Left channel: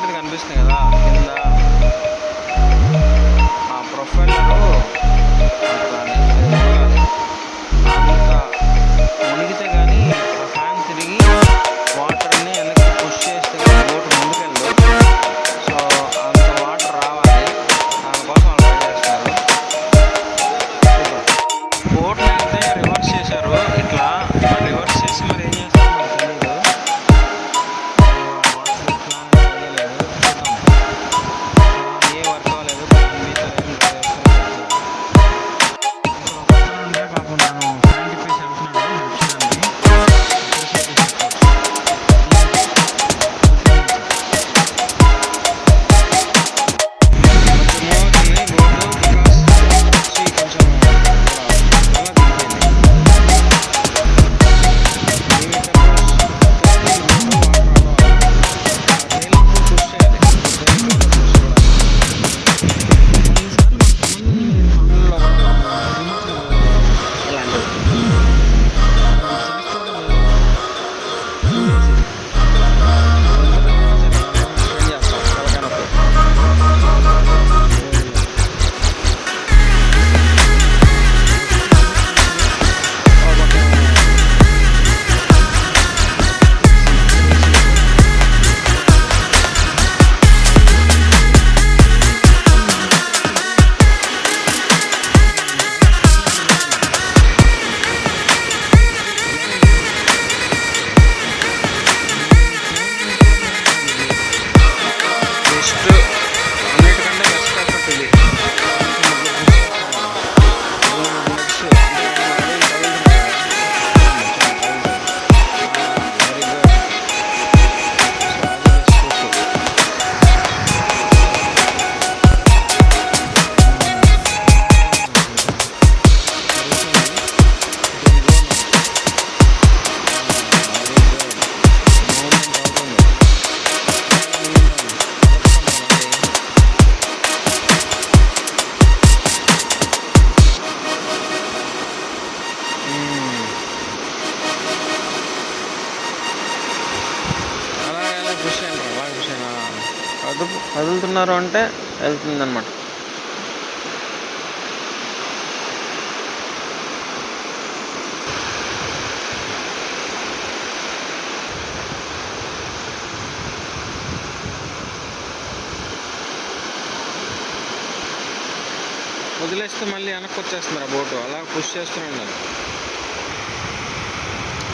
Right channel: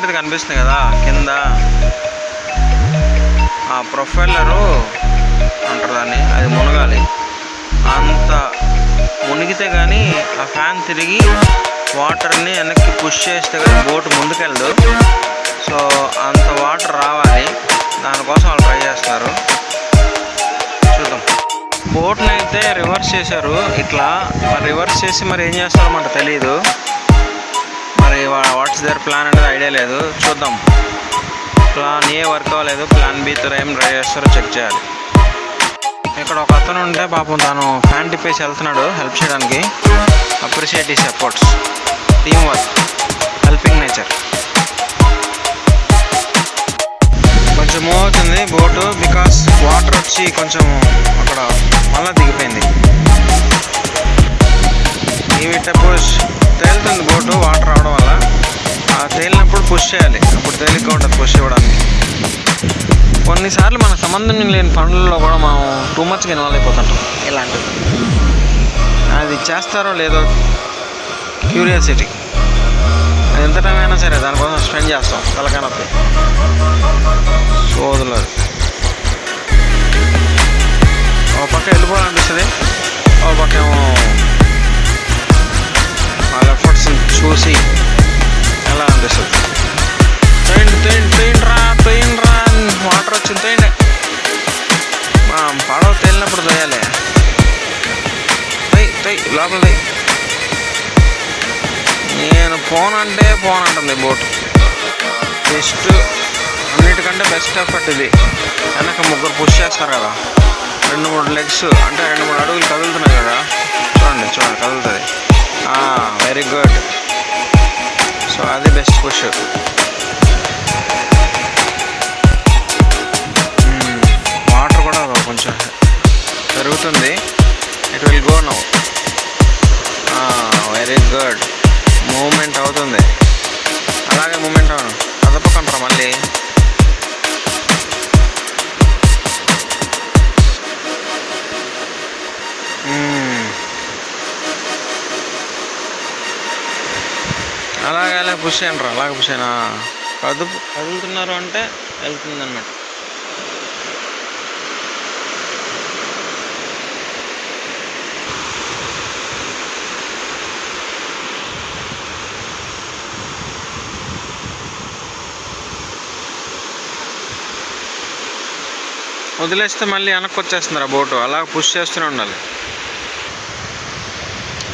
లాంటిది కనిపిస్తుంది కదా కింద. ఆ ప్రొఫైలరు అంటారు దాన్ని అది మునగాలి. అంత మునిగితే కానీ ఆ ఫ్యాన్ తిరిగి వాటర్ని వెనక్కి పుష్ చేస్తే కానీ బోట్ ముందుకెళ్ళదు. సో అంత వాటర్ రావాలి. దానికోసం వాళ్ళు ట్రై చేస్తున్నారు. చూద్దాం. బోట్ని అయితే రివర్స్ చేశారు ఇట్లా. మరి రివర్స్ చేసి మరి ఏం చేస్తారో మనకు తెలియదు మరి వాట్స్ దర్ ప్లాన్ అనేది ఐడియా లేదు. చూద్దాం. ప్లాన్ ఏ వర్క్ అవ్వలేదు. ప్లాన్ బి ఏం ట్రై చేస్తారో చెక్ చేయాలి. ఇక్కడ ఒక అతను ఉంటే పాపం తను ఫ్యాన్ తిప్పేసి వెళ్తున్నాడు హెల్ప్ చేయడానికి. అప్రిషియేట్ ఈ supports team work helping nature కొంచెం మూవ్ అవుతుంది బోటు బికాస్ వాటర్ వచ్చి కొంచెం అక్కడ మళ్ళీ దిగిపోయింది. ఇవిట పుష్ తేలుతుంది బోటు. పుష్ చేయాలి. అప్పుడు తేలిగ్గా ఉంటుంది పుష్ ఇవ్వడానికి. కొన్నిసార్లు మన సంబంధం లేని పనులలో కూడా మనం టూ మచ్గా ఇన్వాల్వ్ అయిపోతుంటాం. ఇలాంటివి అది చేస్తారో లేదో క్యూరియాసిటీ అది ఎంత టైం అయినా సరే దానికోసం స్పెండ్ చేస్తాం తలకాయ నొప్పి సోదులు ఒక పక్క వెళ్ళిపోవాలనిపిస్తుంది ఒక పక్క ఏమో ఫోన్ అంటే ఫోన్ అంటుంది బోట్ బెస్ట్ అన్నిటికంటే బెస్ట్ ఎఫర్ట్ ఇది. వెనక ముగ్గురు పుష్ చేస్తారు కదా. రెండు మూడు లెగ్స్ అంటే రెండు మూడు అడుగులు కదులుతున్నాయి కదా. చూడండి చూడండి కదులుతుంది. వెరీ గుడ్ సో అది బెస్ట్ పుష్ అలాగే అలాగే పుష్ చేయండి రా అలాగే పుష్ అయినా కదుపు కదులుతున్నారు అంటే వెళ్తుంది అనమాట వదిలేస్తే మళ్ళీ వెనక్కి వచ్చేస్తుంది ఆ బోటు. అలా పుష్ చేస్తూనే ఉండాలి.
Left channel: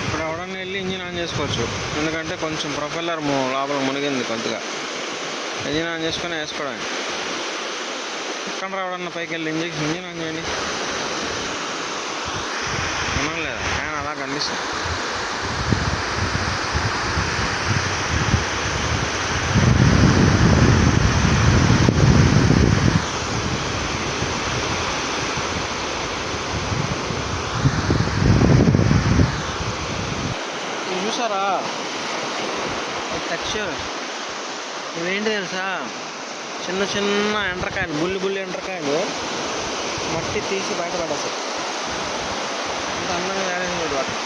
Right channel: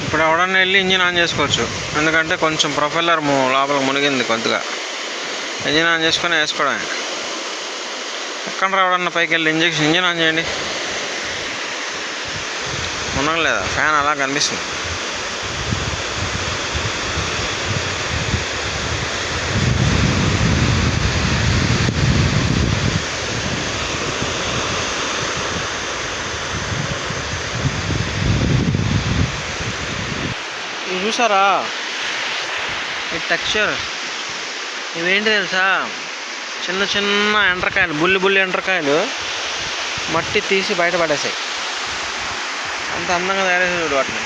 ఇప్పుడు ఎవడన్నా వెళ్ళి ఇంజిన్ ఆన్ చేసుకోవచ్చు. ఎందుకంటే కొంచెం ప్రొఫెల్లర్ లోపల మునిగింది కొద్దిగా. ఇంజిన్ ఆన్ చేసుకొని వేసుకోవడమే. ఎక్కడ రావడన్నా పైకి వెళ్ళి ఇంజక్షన్ ఇంజిన్ ఆన్ చేయండి. ఉండలేదా ఫ్యాన్ అలా కనిపిస్తుంది. చూసారా? ఈ టెక్స్చర్. ఇవేంటి తెలుసా? చిన్న చిన్న ఎండ్రకాయలు బుల్లి బుల్లి ఎండ్రకాయలు మట్టి తీసి బయటపడేసాయి అంత అందంగా తయారేసి చూడు వాటిని.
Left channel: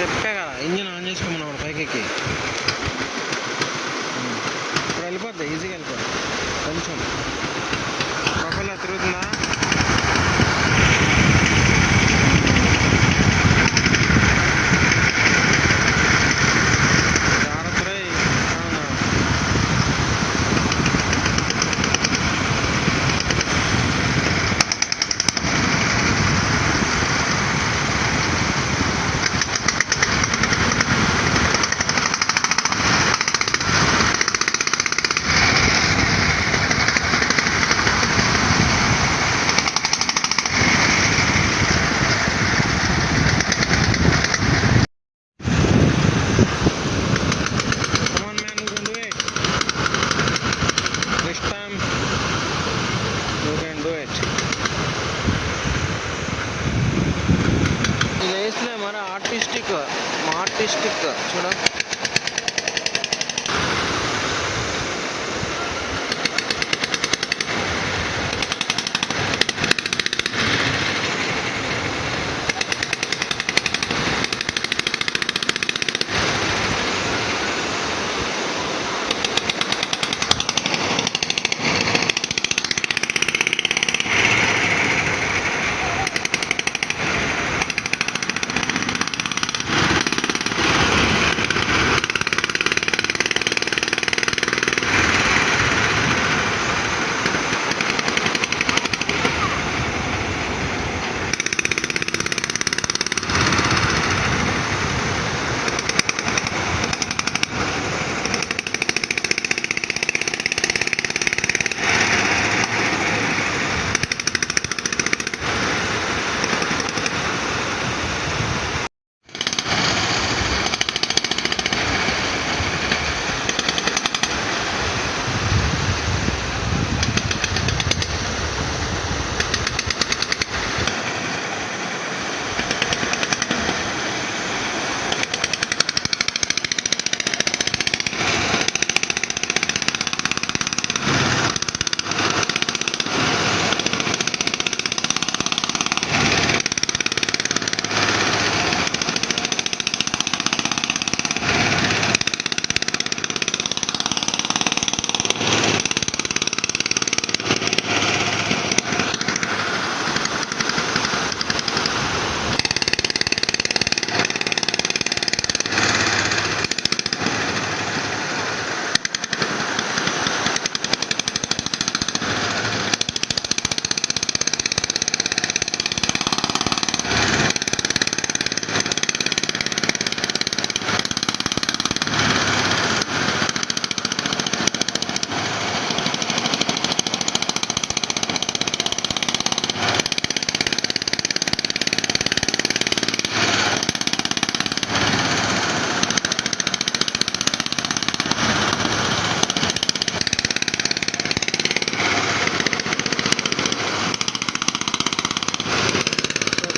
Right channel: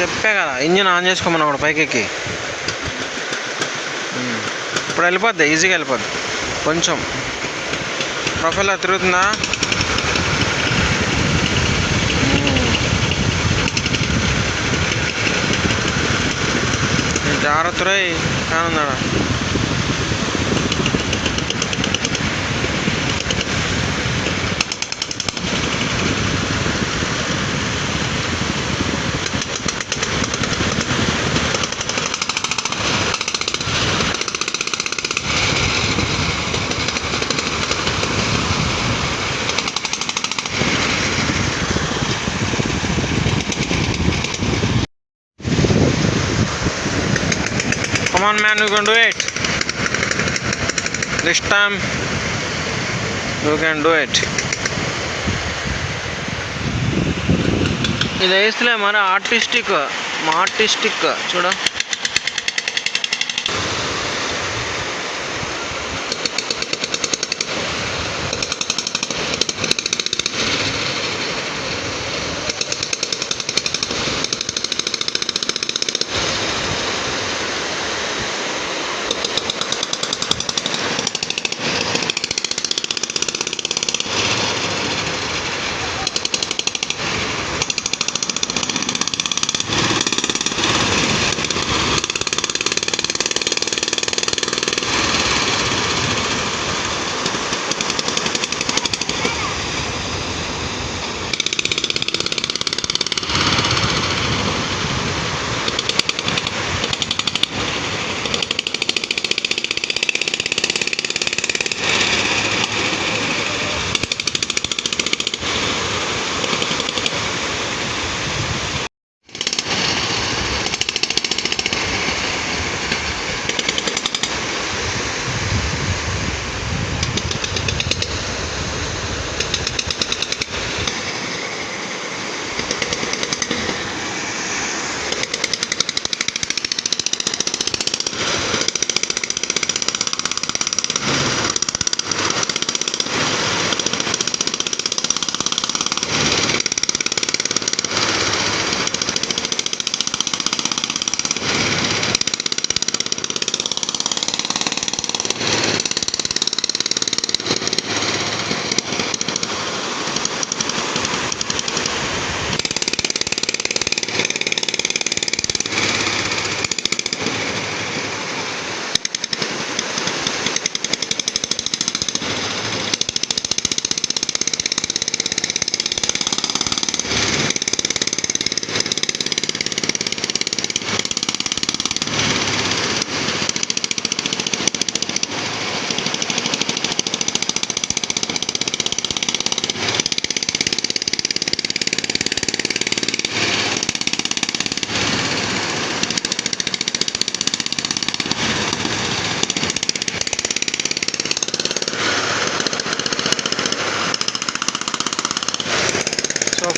చెప్పే కదా ఇంజిన్ ఆన్ చేసుకోమన్నా కూడా పైకెక్కి. ఇప్పుడు వెళ్ళిపోద్ది ఈజీగా వెళ్ళిపోద్ది. కొంచెం. ప్రొఫైల్ తిరుగుతుందా? జాగ్రత్త రై కానున్నాడా Come on, man, you can do it. This time, you can do it. ఇది వేస్తలే మరి ఆర్టిస్టిక్ మా ఆర్టిస్టిక్ చూడ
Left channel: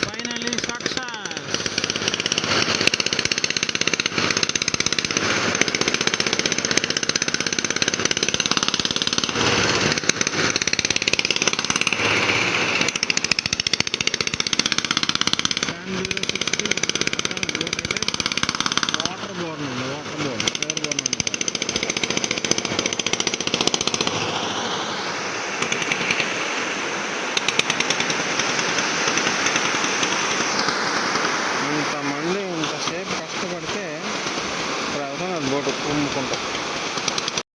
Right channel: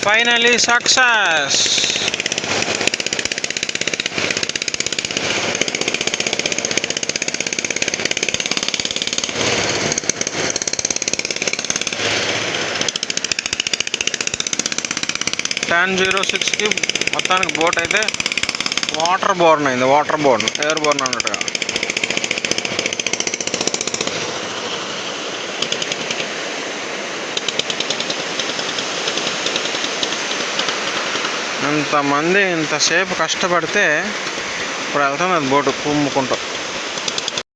ఫైనలీ సక్సెస్ టెన్ జీరో సిక్స్కి మొత్తానికి బోట్ అయితే వాటర్ బోర్న్ అయింది వాటర్ బోర్న్ ఎయిర్ బోర్న్ అన్నట్టుగా. ఇంతమంది ఇంతసేపు కష్టపడితే ఇప్పుడు వెళ్తుంది అది బోటు కుమ్ముకుంటూ.